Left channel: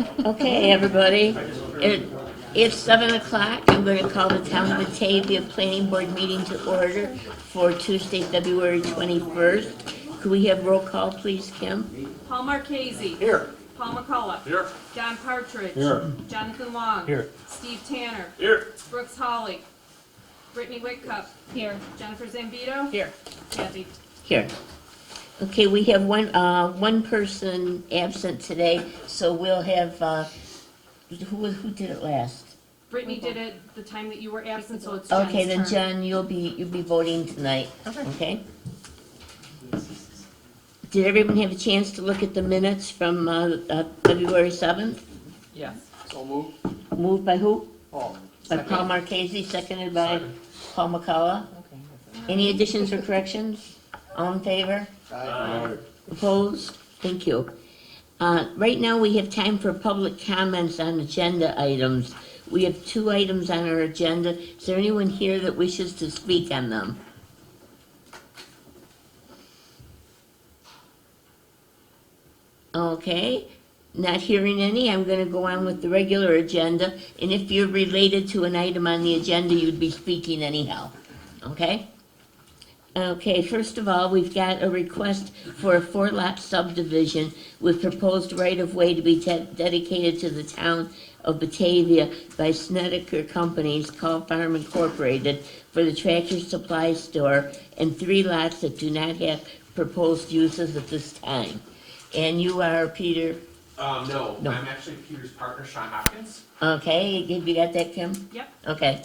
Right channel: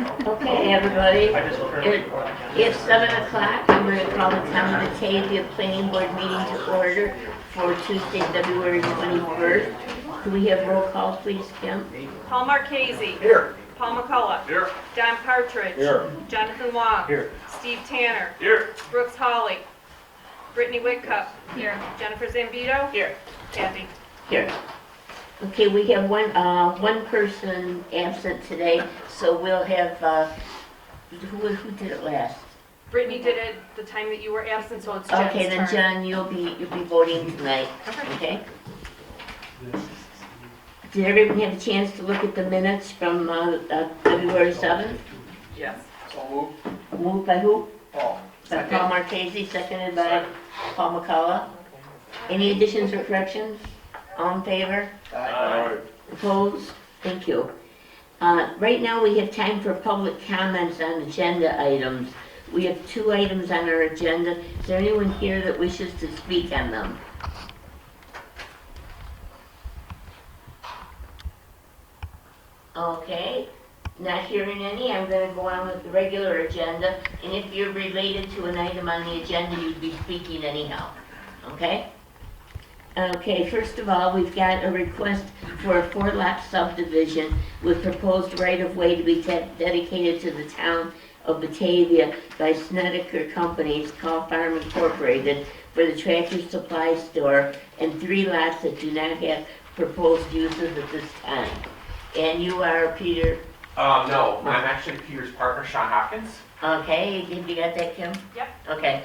Okay, everybody. It's 7 o'clock. I'm going to call the Town of Batavia Planning Board meeting to order for Tuesday, February 21st. Could we have roll call, please, Kim? Paul Marchese. Here. Paul McCullough. Here. Don Partridge. Here. Jonathan Long. Here. Steve Tanner. Here. Brooks Hawley. Brittany Whitcup. Here. Jennifer Zambito. Here. Kathy. Here. Okay, we have one person absent today, so we'll have, who did it last? Brittany did it the time that you were absent, so it's Okay, Jen's then turn. Jen, you'll be voting tonight, okay? Did everyone have a chance to look at the minutes from February 7th? Yes. So move. Moved by who? Paul. By Paul Marchese, seconded by Paul McCullough. Any additions or corrections? All in favor? Aye. Opposed? Thank you. Right now, we have time for public comments on agenda items. We have 2 items on our agenda. Is there anyone here that wishes to speak on them? Okay, not hearing any, I'm going to go on with the regular agenda. And if you're related to an item on the agenda, you'd be speaking anyhow. Okay? Okay, first of all, we've got a request for a 4-lot subdivision with proposed right-of-way to be dedicated to the Town of Batavia by Snedeker Companies, Call Farm Incorporated, for the Tractor Supply Store, and 3 lots that do not have proposed uses at this time. And you are Peter? No, I'm actually Peter's partner, Sean Hopkins. Okay, have you got that, Kim? Yep. Okay.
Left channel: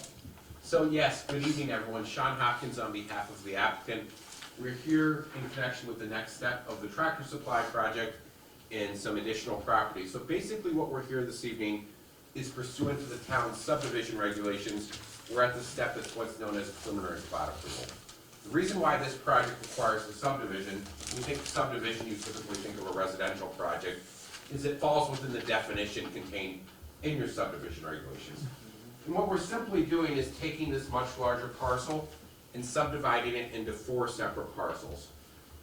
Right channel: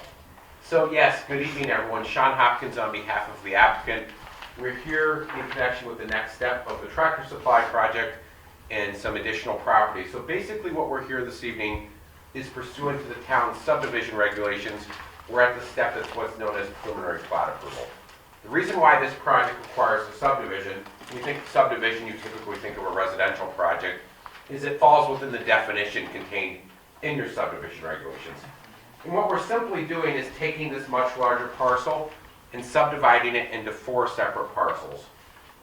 So yes, good evening everyone. Sean Hopkins on behalf of the applicant. We're here in connection with the next step of the Tractor Supply project and some additional property. So basically what we're here this evening is pursuant to the town's subdivision regulations. We're at the step that's what's known as preliminary plat approval. The reason why this project requires a subdivision, when you think of subdivision, you typically think of a residential project, is it falls within the definition contained in your subdivision regulations. And what we're simply doing is taking this much larger parcel and subdividing it into 4 separate parcels.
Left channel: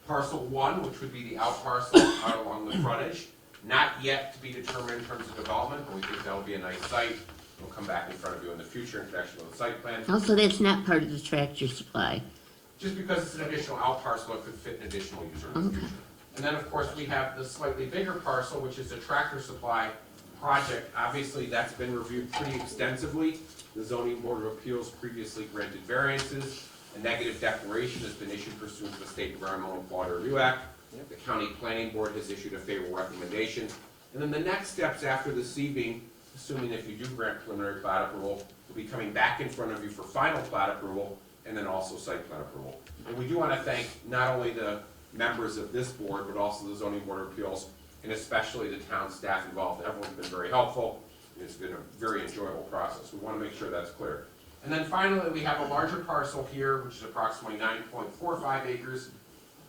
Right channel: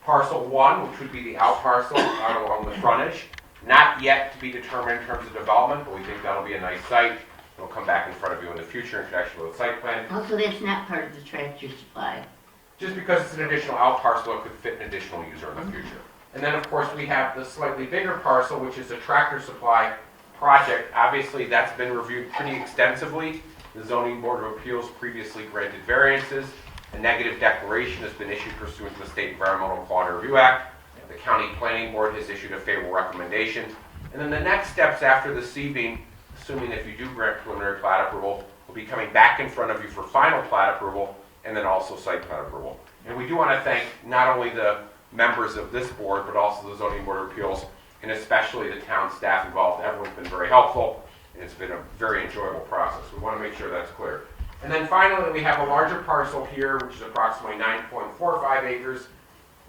Parcel 1, which would be the out parcel out along the frontage, not yet to be determined in terms of development, but we think that'll be a nice site. It'll come back in front of you in the future in connection with the site plan. Also, that's not part of the Tractor Supply. Just because it's an additional out parcel, it could fit an additional user in the future. And then, of course, we have the slightly bigger parcel, which is a Tractor Supply project. Obviously, that's been reviewed pretty extensively. The Zoning Board of Appeals previously granted variances. A negative declaration has been issued pursuant to the State Environmental Quality Review Act. The County Planning Board has issued a favorable recommendation. And then the next steps after this evening, assuming if you do grant preliminary plat approval, will be coming back in front of you for final plat approval and then also site plan approval. And we do want to thank not only the members of this board, but also the Zoning Board of Appeals, and especially the town staff involved. Everyone's been very helpful. It's been a very enjoyable process. We want to make sure that's clear. And then finally, we have a larger parcel here, which is approximately 9.45 acres.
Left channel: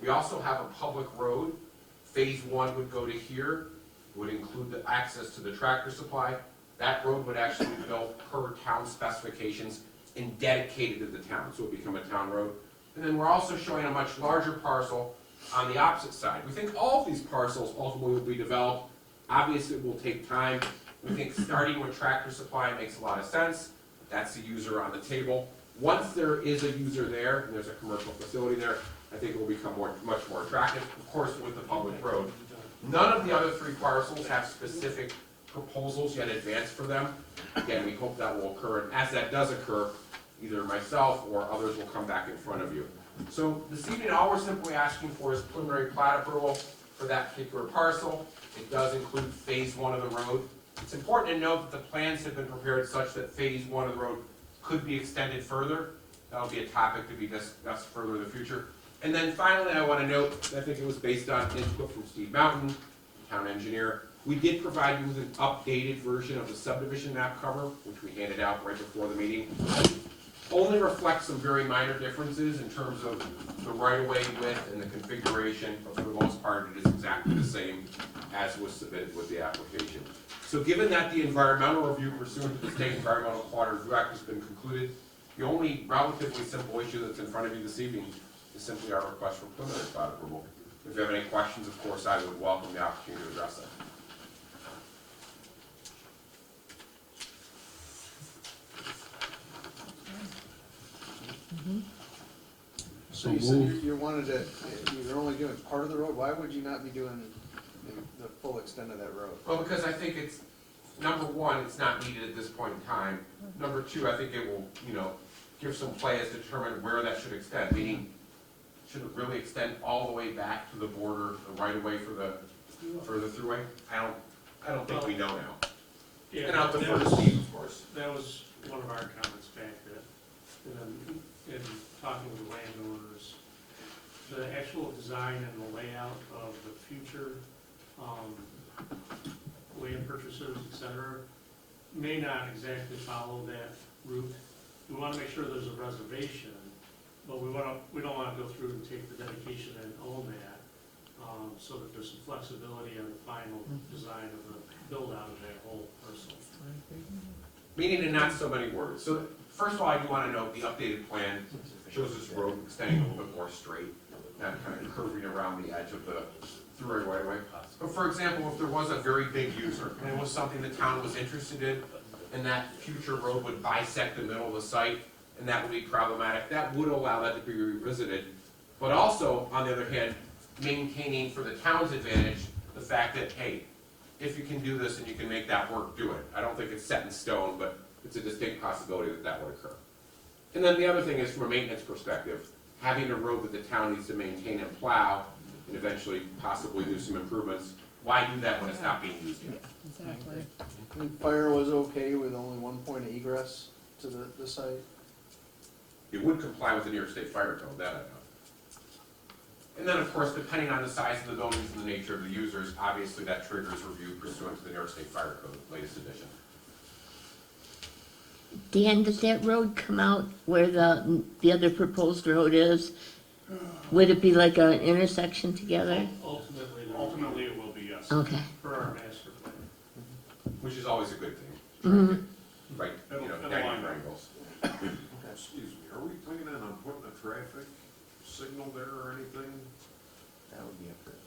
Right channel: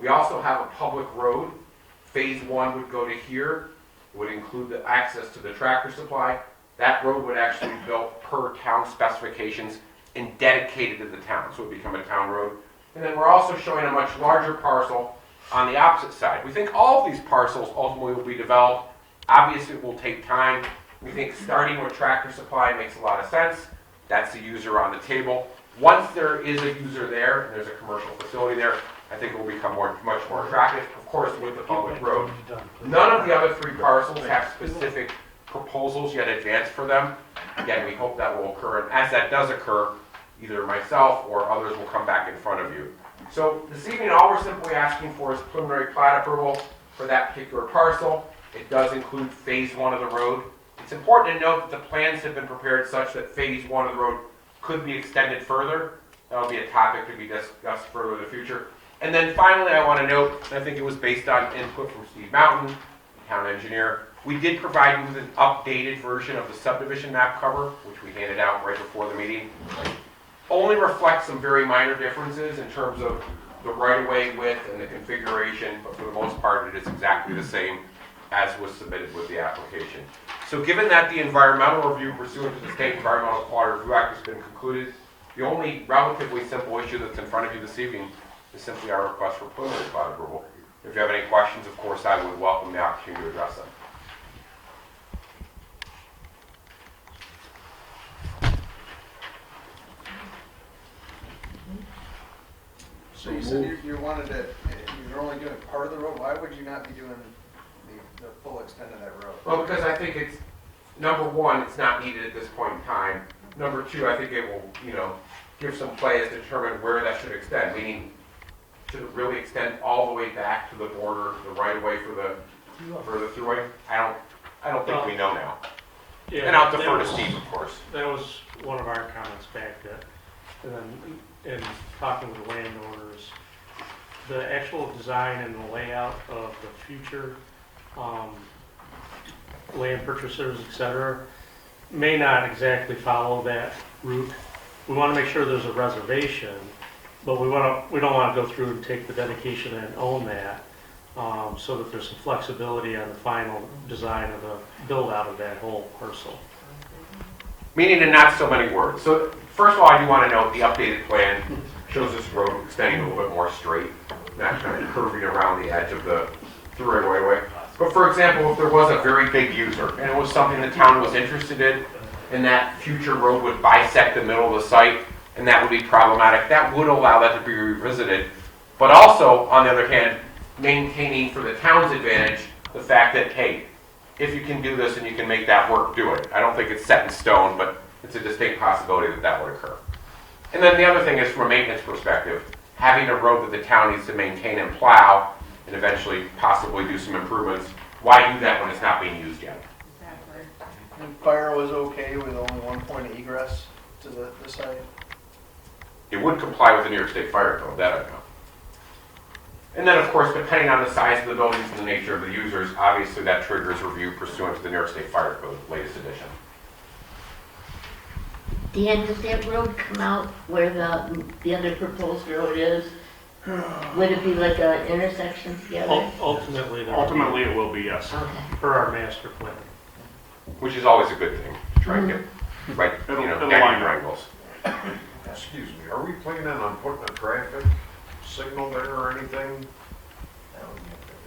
We also have a public road. Phase 1 would go to here. It would include the access to the Tractor Supply. That road would actually be built per town specifications and dedicated to the town, so it would become a town road. And then we're also showing a much larger parcel on the opposite side. We think all of these parcels ultimately will be developed. Obviously, it will take time. We think starting with Tractor Supply makes a lot of sense. That's the user on the table. Once there is a user there and there's a commercial facility there, I think it will become much more attractive, of course, with the public road. None of the other 3 parcels have specific proposals yet advanced for them. Again, we hope that will occur. And as that does occur, either myself or others will come back in front of you. So this evening, all we're simply asking for is preliminary plat approval for that particular parcel. It does include phase 1 of the road. It's important to note that the plans have been prepared such that phase 1 of the road could be extended further. That'll be a topic to be discussed further in the future. And then finally, I want to note, I think it was based on input from Steve Mountain, the town engineer. We did provide you with an updated version of the subdivision map cover, which we handed out right before the meeting. Only reflects some very minor differences in terms of the right-of-way width and the configuration, but for the most part, it is exactly the same as was submitted with the application. So given that the environmental review pursuant to the State Environmental Quality Review Act has been concluded, the only relatively simple issue that's in front of you this evening is simply our request for preliminary plat approval. If you have any questions, of course, I would welcome the opportunity to address them. said you wanted to, you're only doing part of the road, why would you not be doing the full extent of that road? Well, because I think it's, number one, it's not needed at this point in time. Number two, I think it will, give some play as to determine where that should extend, meaning, should it really extend all the way back to the border, the right of way for the thruway? I don't think we know now. Yeah, And I'll defer to Steve, of course. that was one of our comments back in talking with the landowners. The actual design and the layout of the future land purchasers, et cetera, may not exactly follow that route. We want to make sure there's a reservation, but we don't want to go through and take the dedication and own that, so that there's some flexibility on the final design of the build out of that whole parcel. Meaning in not so many words. So first of all, I do want to note the updated plan shows this road extending a little bit more straight, not kind of curving around the edge of the thruway right away. But for example, if there was a very big user and it was something the town was interested in, and that future road would bisect the middle of the site, and that would be problematic, that would allow that to be revisited. But also, on the other hand, maintaining for the town's advantage the fact that, hey, if you can do this and you can make that work, do it. I don't think it's set in stone, but it's a distinct possibility that that would occur. And then the other thing is, from a maintenance perspective, having a road that the town needs to maintain and plow, and eventually possibly do some improvements, why do that when it's not being used yet? And fire was okay with only one point of egress to the site? It would comply with the New York State Fire Code, that I know. And then, of course, depending on the size of the buildings and the nature of the users, obviously that triggers review pursuant to the New York State Fire Code, latest edition. Dan, does that road come out where the other proposed road is? Would it be like an intersection together? Ultimately, Ultimately, it will be, yes. Okay. per our master plan. Which is always a good thing, to try and get, right, It'll line 90 up. angles. Excuse me, are we planning on putting a traffic signal there or anything?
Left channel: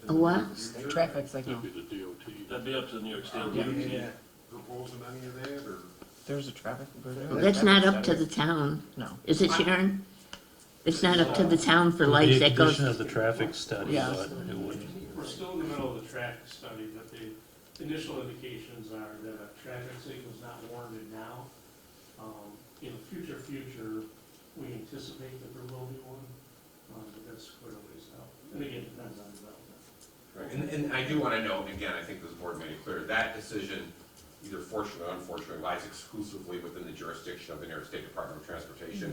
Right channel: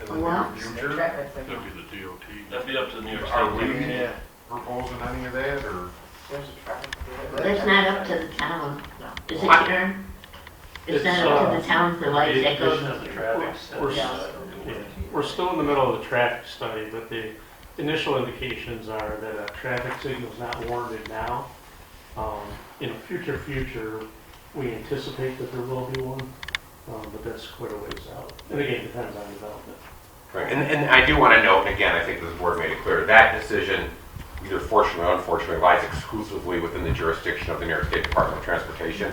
In the near Well, future? Traffic signal. That'd be the DOT. That'd be up to the New York Are State. we Yeah. proposing any of that, or? There's a traffic. That's not up to the town. No. Is it, Sharon? It's not up to the town for lights, that goes. of the traffic study. Yeah. We're still in the middle of the traffic study, but the initial indications are that a traffic signal is not warranted now. In a future, we anticipate that there will be one, but that's quite a ways out. And again, it depends on development. Right, and I do want to note, and again, I think this board made it clear, that decision, either fortunately or unfortunately, lies exclusively within the jurisdiction of the New York State Department of Transportation.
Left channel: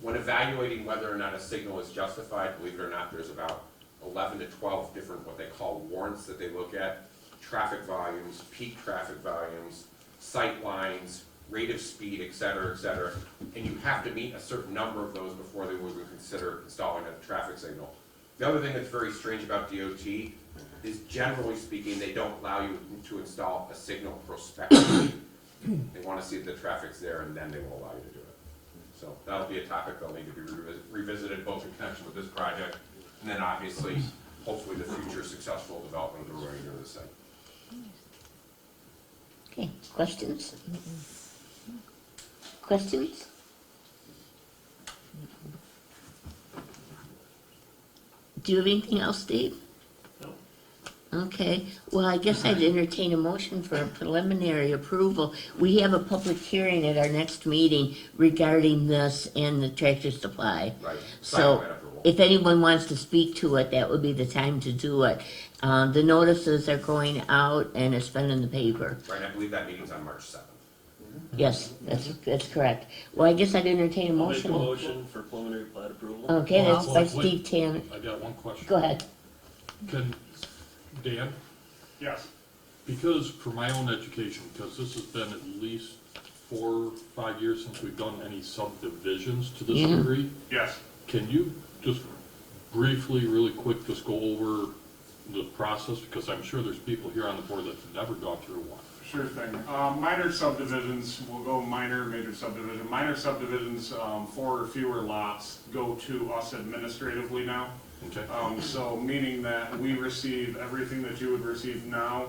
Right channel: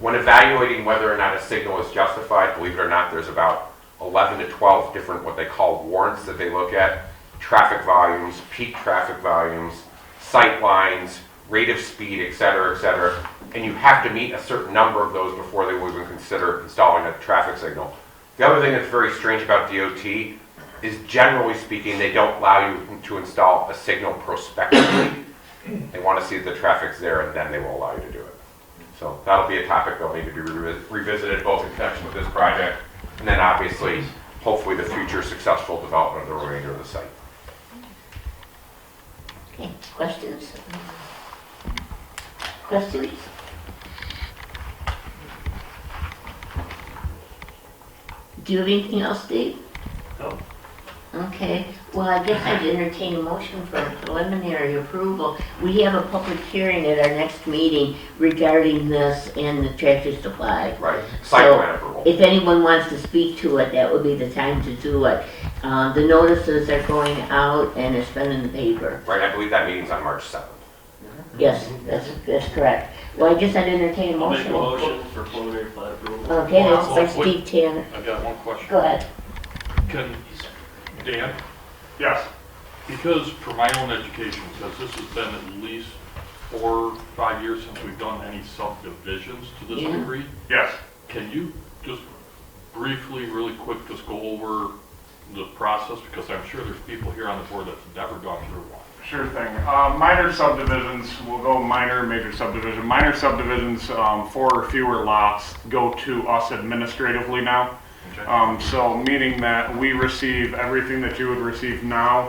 When evaluating whether or not a signal is justified, believe it or not, there's about 11 to 12 different what they call warrants that they look at. Traffic volumes, peak traffic volumes, sight lines, rate of speed, et cetera, and you have to meet a certain number of those before they will even consider installing a traffic signal. The other thing that's very strange about DOT is, generally speaking, they don't allow you to install a signal prospectively. They want to see that the traffic's there, and then they will allow you to do it. So that'll be a topic that'll need to be revisited both in connection with this project, and then obviously, hopefully, the future successful development of the remainder of the site. Okay, questions? Questions? Do you have anything else, Dave? No. Okay, well, I guess I'd entertain a motion for a preliminary approval. We have a public hearing at our next meeting regarding this and the Tractor Supply. Right, site So, plan approval. If anyone wants to speak to it, that would be the time to do it. The notices are going out and it's been in the paper. Right, I believe that meeting's on March 7th. Yes, that's correct. Well, I guess I'd entertain a I'll make a motion. motion for preliminary plat approval. Okay, that's by Steve Tanner. I got one question. Go ahead. Can, Dan, Yes. because for my own education, because this has been at least 4 or 5 years since we've done any subdivisions to this Yeah. degree, Yes. can you just briefly, really quick, just go over the process? Because I'm sure there's people here on the board that's never gone through one. Sure thing. Minor subdivisions, we'll go minor, major subdivision. Minor subdivisions, 4 or fewer lots go to us administratively now. Okay. So meaning that we receive everything that you would receive now,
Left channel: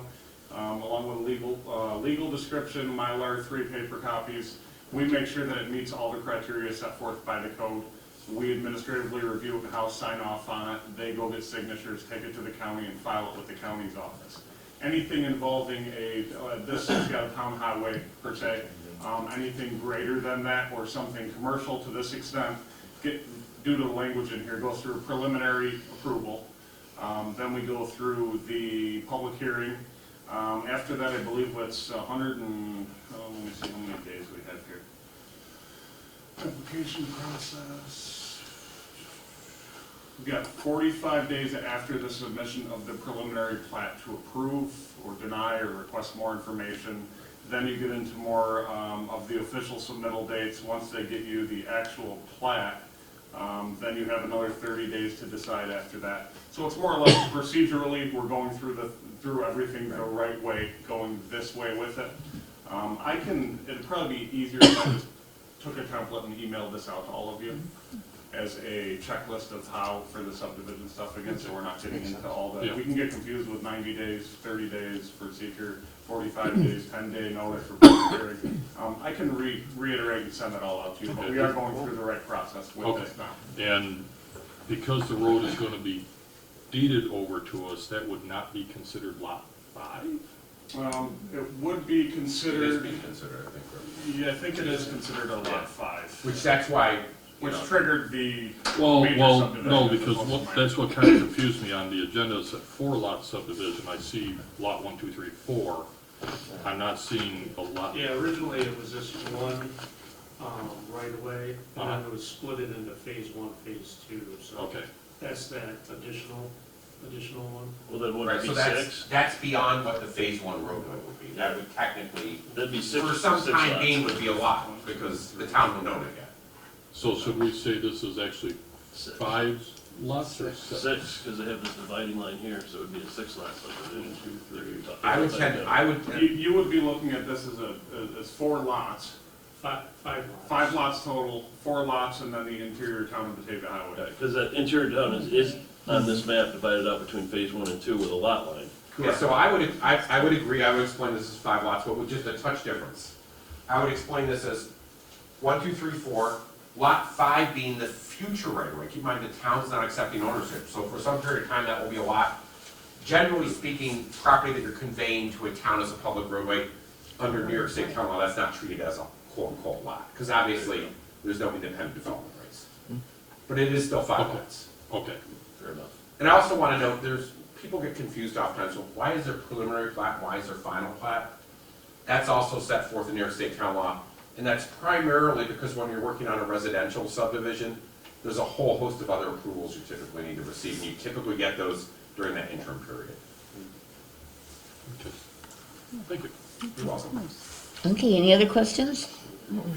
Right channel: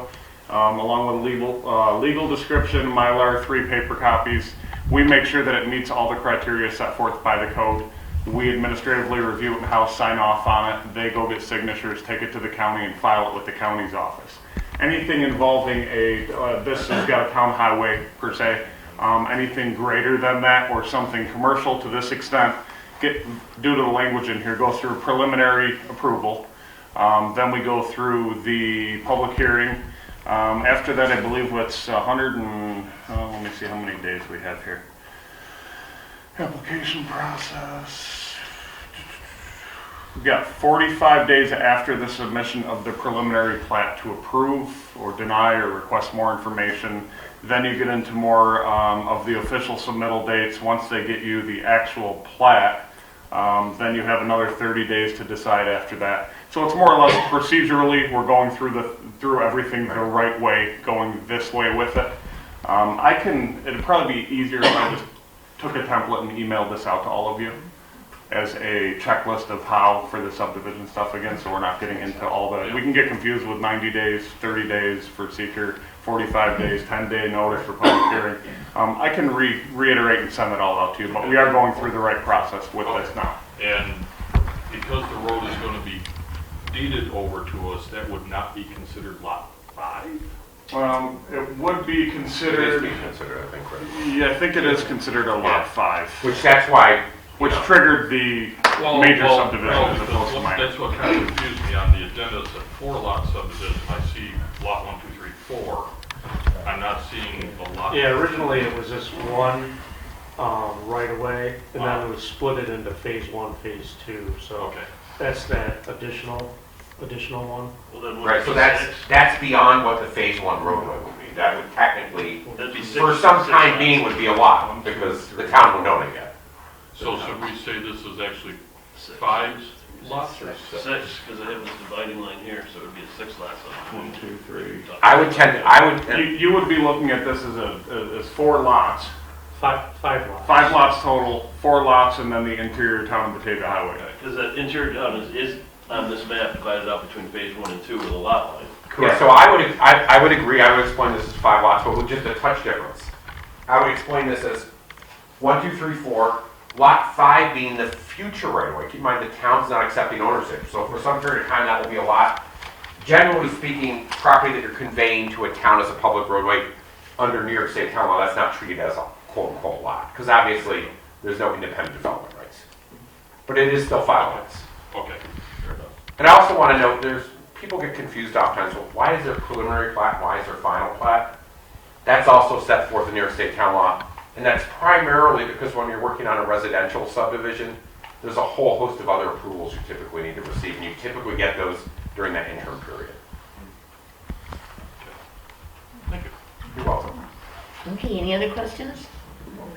along with legal description, Mylar, 3 paper copies. We make sure that it meets all the criteria set forth by the code. We administratively review it and house sign off on it. They go get signatures, take it to the county and file it with the county's office. Anything involving this has got a town highway per se, anything greater than that or something commercial to this extent, due to the language in here, go through preliminary approval. Then we go through the public hearing. After that, I believe it's 100 and, let me see how many days we have here. Application process. We've got 45 days after the submission of the preliminary plat to approve or deny or request more information. Then you get into more of the official submittal dates. Once they get you the actual plat, then you have another 30 days to decide after that. So it's more or less procedurally, we're going through everything the right way, going this way with it. It'd probably be easier if I just took a template and emailed this out to all of you as a checklist of how for the subdivision stuff again, so we're not getting into all the, we can get confused with 90 days, 30 days for seeker, 45 days, 10-day notice for public hearing. I can reiterate and send it all out to you, but we are going through the right process with this now. And because the road is gonna be deeded over to us, that would not be considered lot 5? It would be It is considered, being considered, I think, right? yeah, I think it is considered a lot 5, Which that's why, which triggered the major subdivision No, as opposed to because minor. that's what kind of confused me on the agenda, is that 4-lot subdivision, I see lot 1, 2, 3, 4. I'm not seeing a lot. Yeah, originally it was just one right away, and then it was split it into phase 1, phase 2, so Okay, that's that additional one. Well, then would right, it so be that's, 6? that's beyond what the phase 1 roadway would be. That would technically, That'd be 6. for some 6 time lots. being, would be a lot, because the town would know it yet. so should we say this is actually 6. 5 lots or 6? 6, because I have this dividing line here, so it would be a 6 lot. 1, 2, 3. I would, You would be looking at this as 4 lots, 5 lots. 5 lots total, 4 lots, and then the interior Town of Batavia highway. Because that interior town is on this map divided up between phase 1 and 2 with a lot line. yeah, so I would agree, I would explain this as 5 lots, but with just a touch difference. I would explain this as 1, 2, 3, 4, lot 5 being the future right of way. Keep in mind, the town's not accepting ownership, so for some period of time, that will be a lot. Generally speaking, property that you're conveying to a town as a public roadway under New York State town law, that's not treated as a quote-unquote lot, because obviously, there's no independent development rights. But it is still 5 Okay. lots. Okay, fair enough. And I also want to note, people get confused oftentimes, well, why is there preliminary plat, why is there final plat? That's also set forth in New York State town law, and that's primarily because when you're working on a residential subdivision, there's a whole host of other approvals you typically need to receive, and you typically get those during that interim period. Thank you. You're welcome. Okay, any other questions?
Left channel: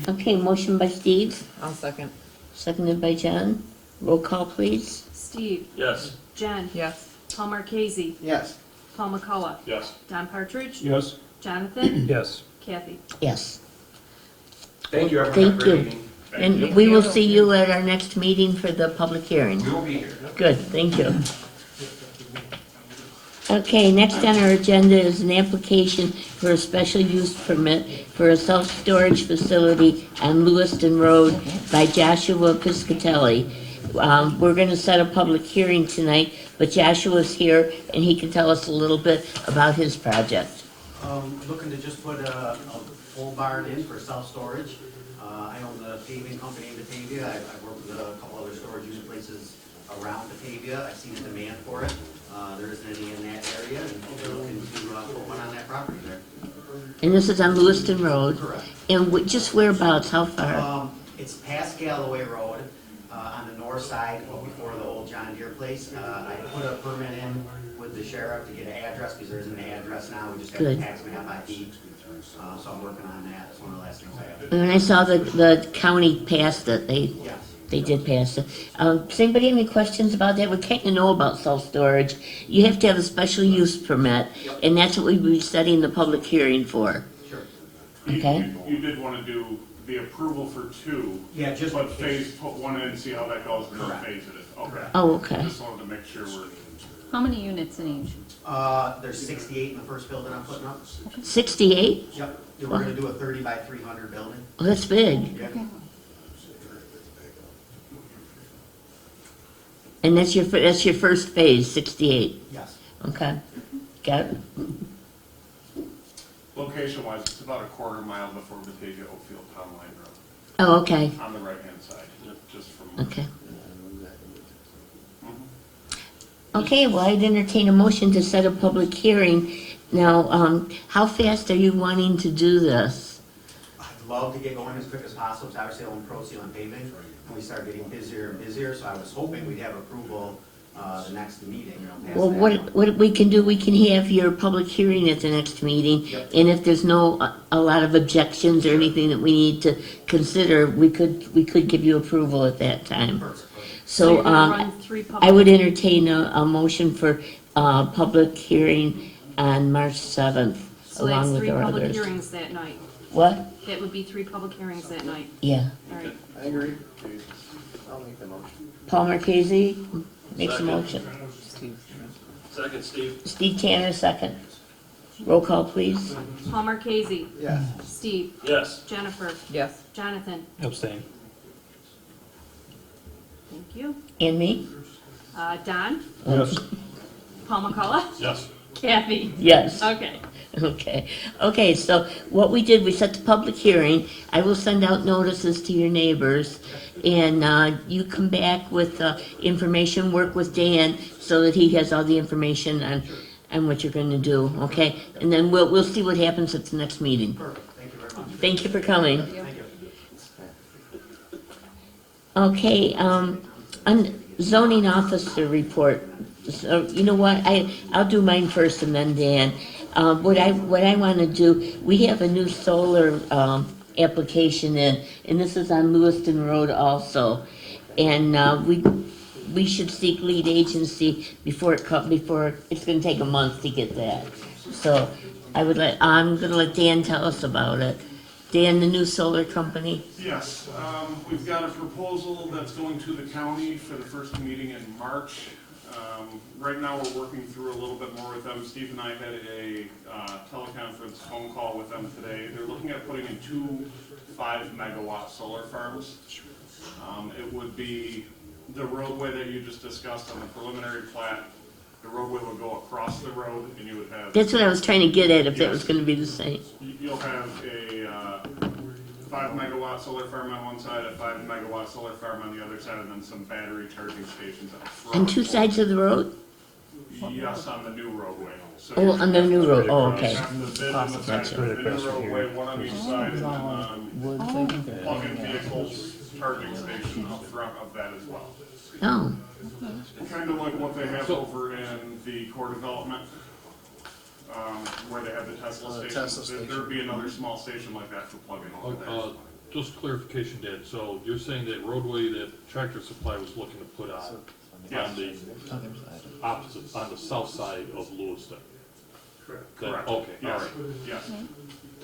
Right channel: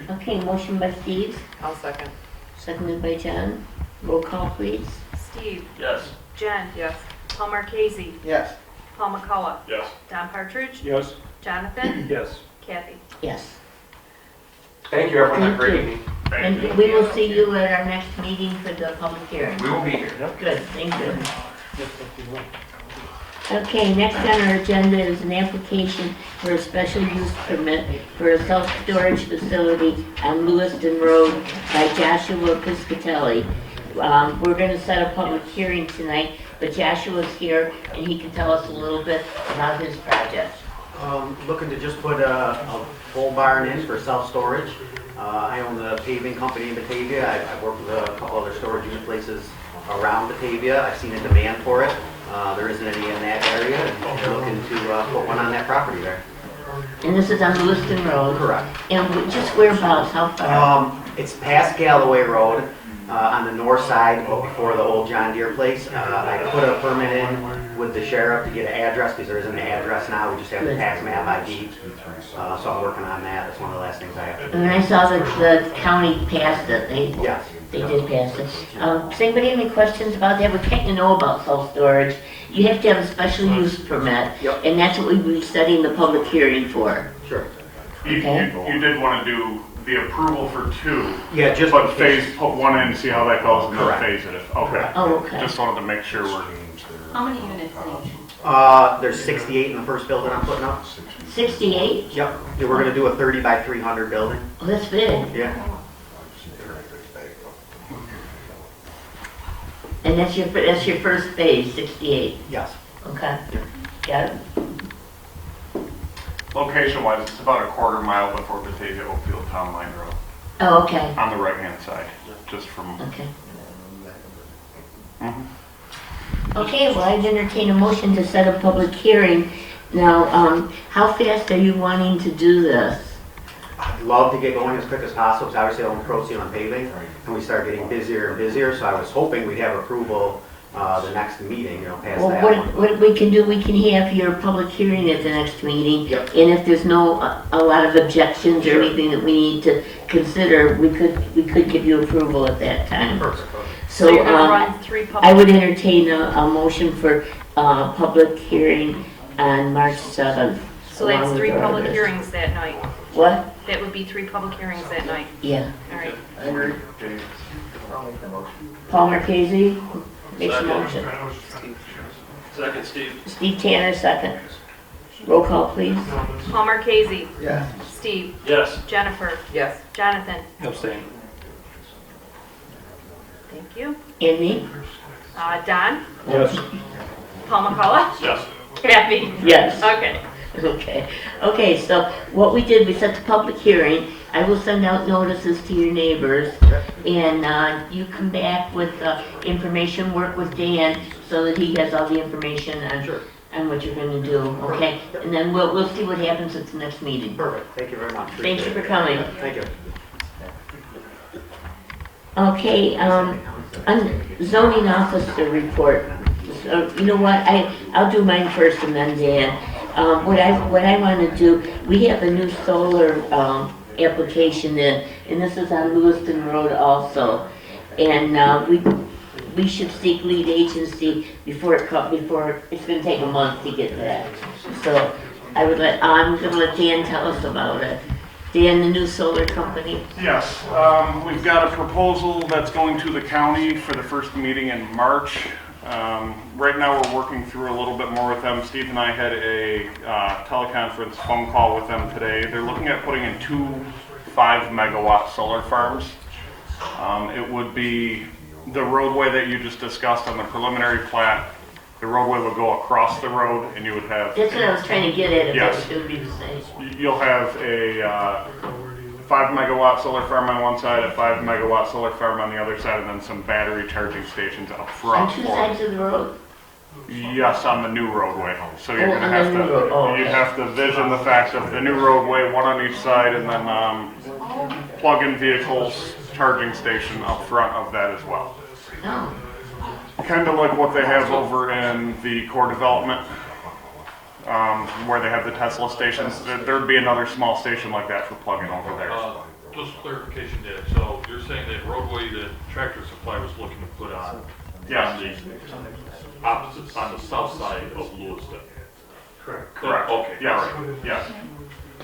Okay, motion by Steve, I'll second. seconded by John. Roll call, please. Steve, Yes. Jen, Yes. Paul Marquesi, Yes. Paul McCullough, Yes. Don Partridge, Yes. Jonathan, Yes. Kathy. Yes. Thank you, everyone, have a Thank great you. evening. And we will see you at our next meeting for the public hearing. We will be here. Good, thank you. Okay, next on our agenda is an application for a special use permit for a self-storage facility on Lewiston Road by Joshua Piscitelli. We're gonna set a public hearing tonight, but Joshua's here and he can tell us a little bit about his project. Looking to just put a full barn in for self-storage. I own the paving company in Batavia. I've worked with a couple other storage unit places around Batavia. I've seen a demand for it. There isn't any in that area, and looking to put one on that property there. And this is on Lewiston Road. Correct. And just whereabouts, how far? It's past Galloway Road, on the north side, before the old John Deere place. I put a permit in with the sheriff to get an address, because there isn't an address now, we just have the Good. tax map ID. So I'm working on that, that's one of the last things I have to do. And I saw that the county passed it. Yes. They did pass it. Does anybody have any questions about that? We kind of know about self-storage. You have to have a special use permit, Yep. and that's what we'll be setting the public hearing for. Sure. You Okay. did want to do the approval for 2, Yeah, just. but put 1 in, see how that goes, and then Correct. phase it. Okay. Oh, okay. Just wanted to make sure we're. How many units in each? There's 68 in the first building I'm putting up. 68? Yep. Yeah, we're gonna do a 30 by 300 building. Oh, that's big. Yeah. And that's your first phase, 68, Yes. okay? Got it. Location-wise, it's about a quarter mile before Batavia Oakfield Town Line Road, Oh, okay, on the right-hand side, just from. okay. Mhm. Okay, well, I'd entertain a motion to set a public hearing. Now, how fast are you wanting to do this? I'd love to get going as quick as possible, because obviously I'm proceeding on paving, and we start getting busier and busier, so I was hoping we'd have approval the next meeting, past Well, that what, one. what we can do, we can have your public hearing at the next meeting. Yep. And if there's no, a lot of objections or Sure. anything that we need to consider, we could give you approval at that time. Perfect. So you're gonna So, run 3 I public, would entertain a motion for, public hearing on March 7th. so that's along with 3 our public others. hearings that night. What? That would be 3 public hearings that night. Yeah. All right. I agree. I'll make the motion. Paul Marquesi makes a Second. motion. Second, Steve. Steve Tanner, second. Roll call, please. Paul Marquesi, Yeah. Steve, Yes. Jennifer, Yes. Jonathan. Abstain. Thank you. And me? Don, Yes. Paul McCullough, Yes. Kathy. Yes. Okay. Okay, so what we did, we set the public hearing. I will send out notices to your neighbors. And you come back with information, work with Dan so that he has all the information on what you're gonna do, okay? And then we'll see what happens at the next meeting. Perfect, thank you very much. Thank you for coming. Thank you. Okay, zoning officer report. So, you know what, I'll do mine first and then Dan. What I wanna do, we have a new solar, application in, and this is on Lewiston Road also. And, we should seek lead agency before it's gonna take a month to get that. So, I'm gonna let Dan tell us about it. Dan, the new solar company. Yes, we've got a proposal that's going to the county for the first meeting in March. Right now, we're working through a little bit more with them. Steve and I had a teleconference phone call with them today. They're looking at putting in 2 5-megawatt solar farms. It would be the roadway that you just discussed on the preliminary plat. The roadway would go across the road, and you would have. That's what I was trying to get at, if that Yes. was gonna be the same. You'll have a 5-megawatt solar farm on one side, a 5-megawatt solar farm on the other side, and then some battery charging stations up front. On 2 sides of the road? Yes, on the new roadway. So you're Oh, gonna on have the new road. Oh, to, you okay. have to vision the fact of the new roadway, one on each side, and then plug-in vehicles, charging station up front of that as well. Oh, Kind of like what they have over in the core development, where they have the Tesla stations. There'd be another small station like that for plug-in over there. Just clarification, Dan, so you're saying that roadway that Tractor Supply was looking to put on? Yes. On the opposite, on the south side of Lewiston? Correct. Okay, Yes, all right. yes.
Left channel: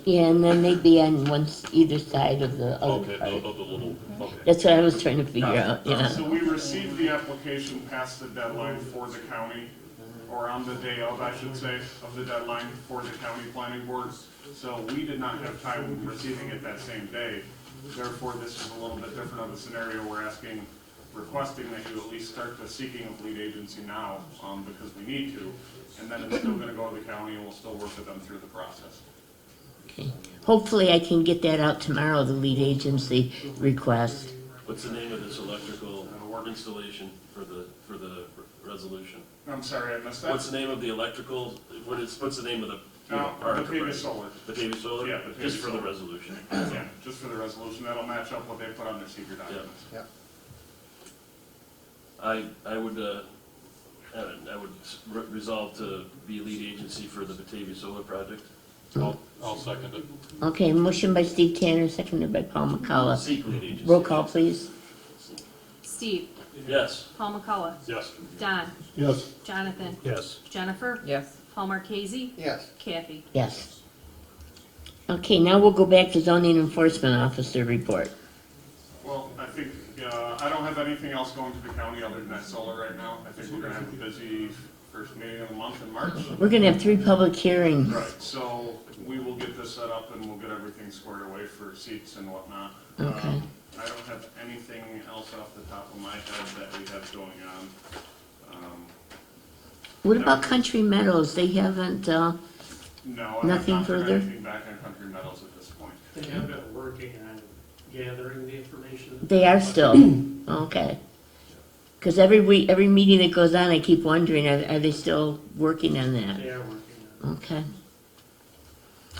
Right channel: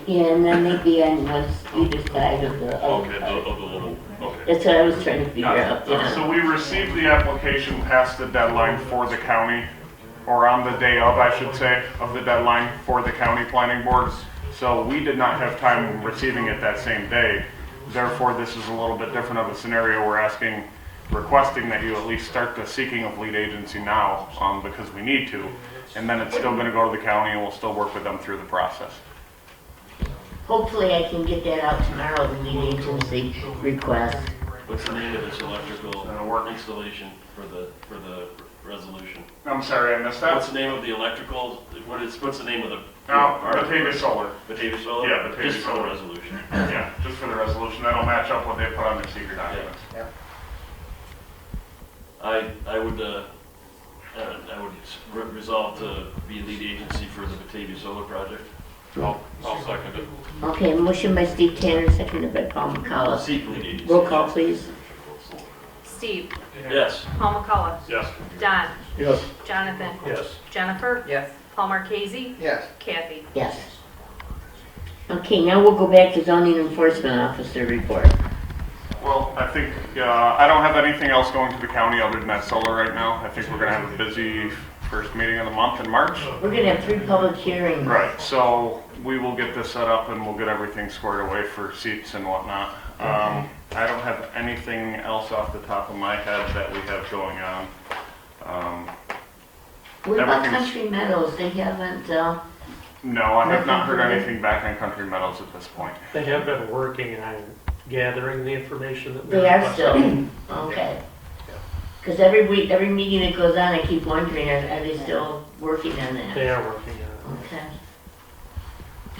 yeah, and then they'd be on either side of the, Okay, of the little, okay. that's what I was trying to figure out, you know? So we received the application past the deadline for the county, or on the day of, I should say, of the deadline for the county planning boards. So we did not have time receiving it that same day. Therefore, this is a little bit different of a scenario. We're requesting that you at least start the seeking of lead agency now, because we need to. And then it's still gonna go to the county, and we'll still work with them through the process. Hopefully I can get that out tomorrow, the lead agency request. What's the name of this electrical installation for the resolution? I'm sorry, I missed that. What's the name of the electrical, what's the name of the? Batavia Solar. Batavia Solar? Yeah, Batavia Just for the Solar. resolution. Yeah, just for the resolution. That'll match up what they put on their secret documents. I would resolve to be lead agency for the Batavia Solar project. I'll second it. Okay, motion by Steve Tanner, seconded by Paul McCullough. Seek lead agency. Roll call, please. Steve, Yes. Paul McCullough, Yes. Don, Yes. Jonathan, Yes. Jennifer, Yes. Paul Marquesi, Yes. Kathy. Yes. Okay, now we'll go back to zoning enforcement officer report. Well, I think, I don't have anything else going to the county other than that solar right now. I think we're gonna have a busy first meeting of the month in March. We're gonna have 3 public hearings. Right, so we will get this set up and we'll get everything squared away for seats and whatnot. Okay. I don't have anything else off the top of my head that we have going on. What about Everything's- Country Meadows? They haven't, No, I have Nothing not heard further? anything back on Country Meadows at this point. They have been working on gathering the information that. they are still, okay. Because every week, every meeting that goes on, I keep wondering, are they still working on that? They are working on Okay.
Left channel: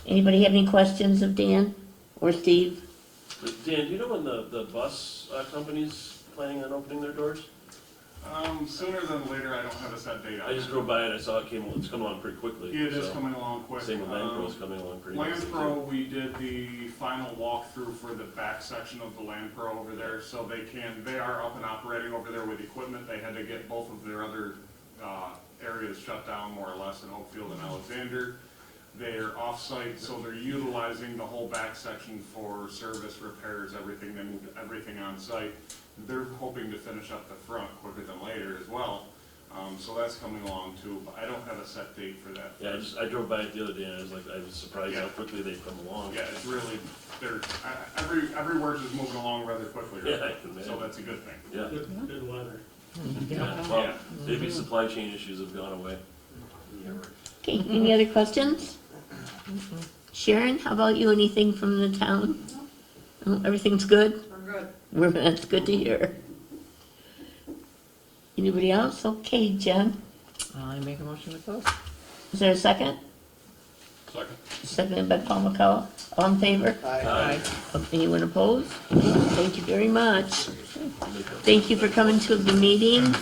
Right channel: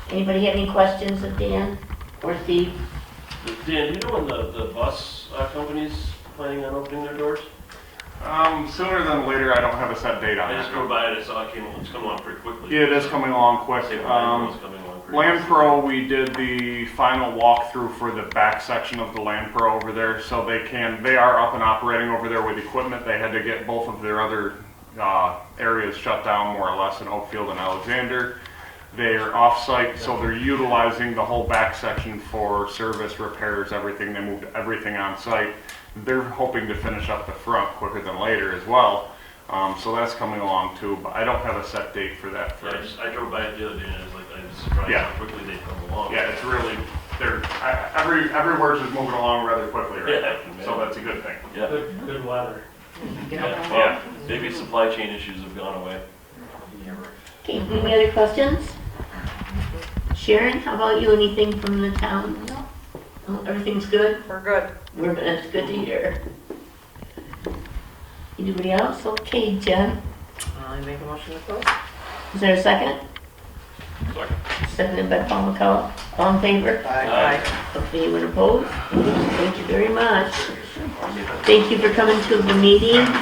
Anybody have any questions of Dan or Steve? Dan, do you know when the bus company's planning on opening their doors? Sooner than later, I don't have a set date on I it. just drove by it, I saw it's coming along pretty quickly. Yeah, it is coming along quick. Same with Landpro's coming along pretty Land quickly. Pro, we did the final walkthrough for the back section of the Land Pro over there, so they are up and operating over there with equipment. They had to get both of their other areas shut down more or less in Oakfield and Alexander. They're off-site, so they're utilizing the whole back section for service, repairs, everything. They moved everything on site. They're hoping to finish up the front quicker than later as well. So that's coming along too, but I don't have a set date for that. Yeah, I drove by it the other day and I was surprised Yeah. how quickly they come along. Yeah, it's really, everywhere's just moving along rather quickly right Yeah, now, I can so imagine. that's a good thing. Yeah, it. Good weather. yeah, Yeah. well, maybe supply chain issues have gone away. Okay, any other questions? Sharon, how about you? Anything from the town? No. Everything's good? We're good. That's good to hear. Anybody else? Okay, Jen, I make a motion to close. is there a second? Seconded by Paul McCullough. All in favor? Aye. Okay, anyone opposed? Thank you very much. Thank you for coming to the meeting.